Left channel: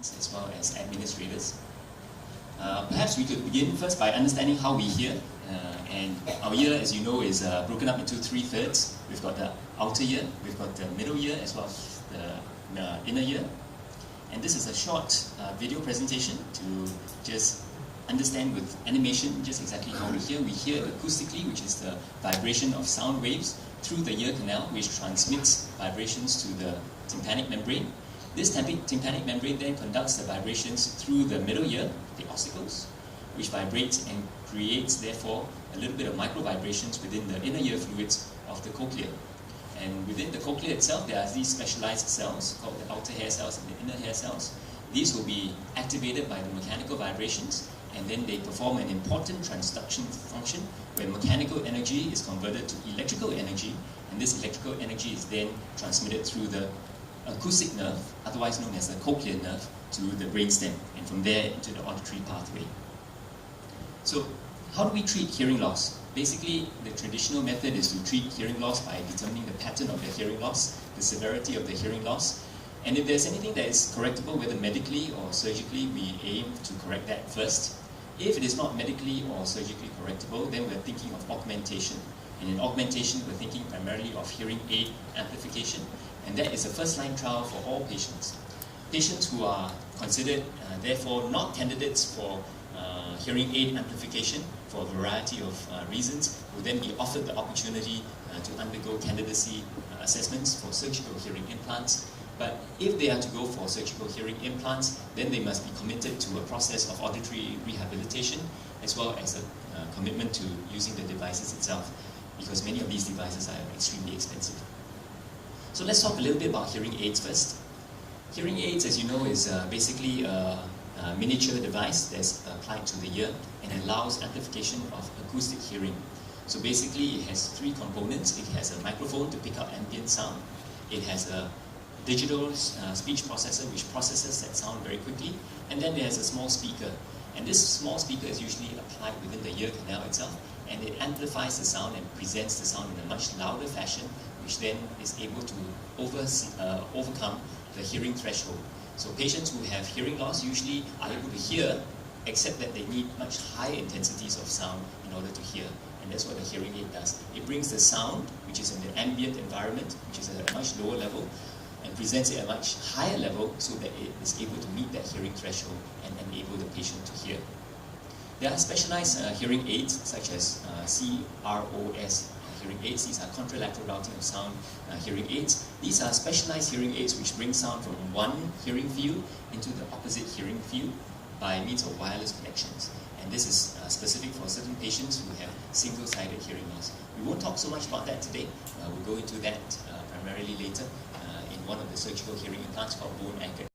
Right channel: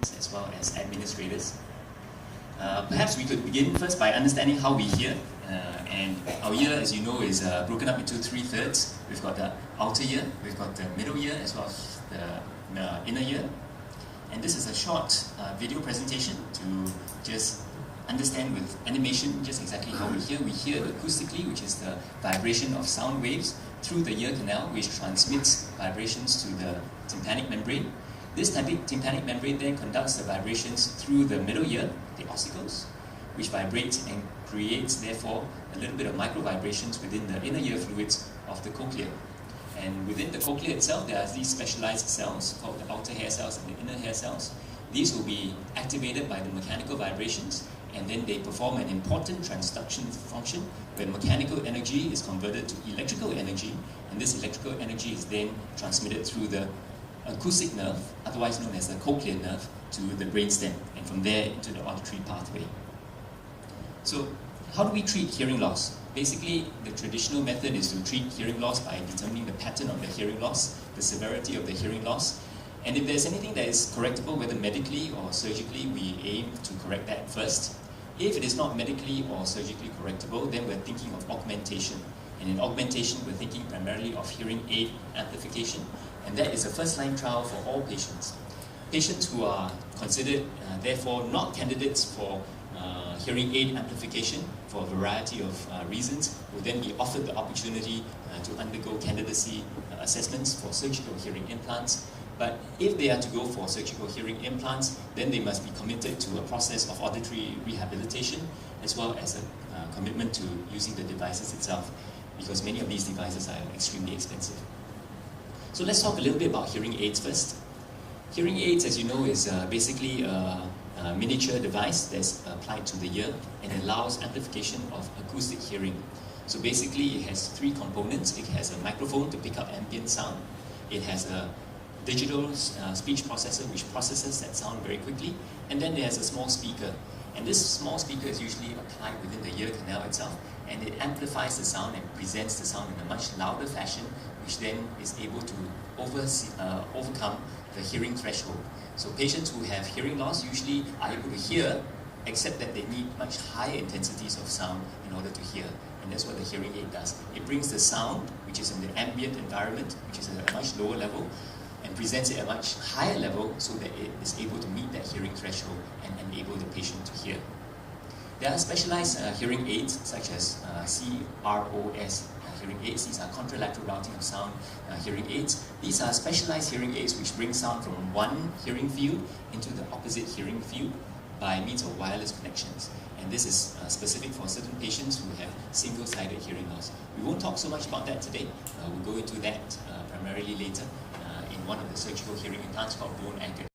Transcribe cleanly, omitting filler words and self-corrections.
patients as well as administrators. Perhaps we could begin first by understanding how we hear. And our ear, as you know, is broken up into 3/3. We've got the outer ear, we've got the middle ear, as well as the inner ear. And this is a short video presentation to just understand with animation just exactly how we hear. We hear acoustically, which is the vibration of sound waves through the ear canal, which transmits vibrations to the tympanic membrane. This tympanic membrane then conducts the vibrations through the middle ear, the ossicles, which vibrates and creates, therefore, a little bit of micro vibrations within the inner ear fluids of the cochlea. And within the cochlea itself, there are these specialized cells called the outer hair cells and the inner hair cells. These will be activated by the mechanical vibrations, and then they perform an important transduction function where mechanical energy is converted to electrical energy, and this electrical energy is then transmitted through the acoustic nerve, otherwise known as the cochlear nerve, to the brainstem, and from there into the auditory pathway. So, how do we treat hearing loss? Basically, the traditional method is to treat hearing loss by determining the pattern of the hearing loss, the severity of the hearing loss, and if there's anything that is correctable, whether medically or surgically, we aim to correct that first. If it is not medically or surgically correctable, then we're thinking of augmentation. And in augmentation, we're thinking primarily of hearing aid amplification, and that is a first-line trial for all patients. Patients who are considered, therefore, not candidates for hearing aid amplification for a variety of reasons will then be offered the opportunity to undergo candidacy assessments for surgical hearing implants. But if they are to go for surgical hearing implants, then they must be committed to a process of auditory rehabilitation as well as a commitment to using the devices itself, because many of these devices are extremely expensive. So let's talk a little bit about hearing aids first. Hearing aids, as you know, is basically a miniature device that's applied to the ear and allows amplification of acoustic hearing. So basically it has three components. It has a microphone to pick up ambient sound. It has a digital speech processor which processes that sound very quickly. And then there's a small speaker. And this small speaker is usually applied within the ear canal itself, and it amplifies the sound and presents the sound in a much louder fashion, which then is able to overcome the hearing threshold. So patients who have hearing loss usually are able to hear, except that they need much higher intensities of sound in order to hear. And that's what the hearing aid does. It brings the sound, which is in the ambient environment, which is at a much lower level, and presents it at a much higher level so that it is able to meet that hearing threshold and enable the patient to hear. There are specialized hearing aids, such as CROS hearing aids. These are contralateral routing of sound hearing aids. These are specialized hearing aids which bring sound from one hearing field into the opposite hearing field by means of wireless connections. And this is specific for certain patients who have single-sided hearing loss. We won't talk so much about that today. We'll go into that primarily later in one of the surgical hearing implants called bone anchored.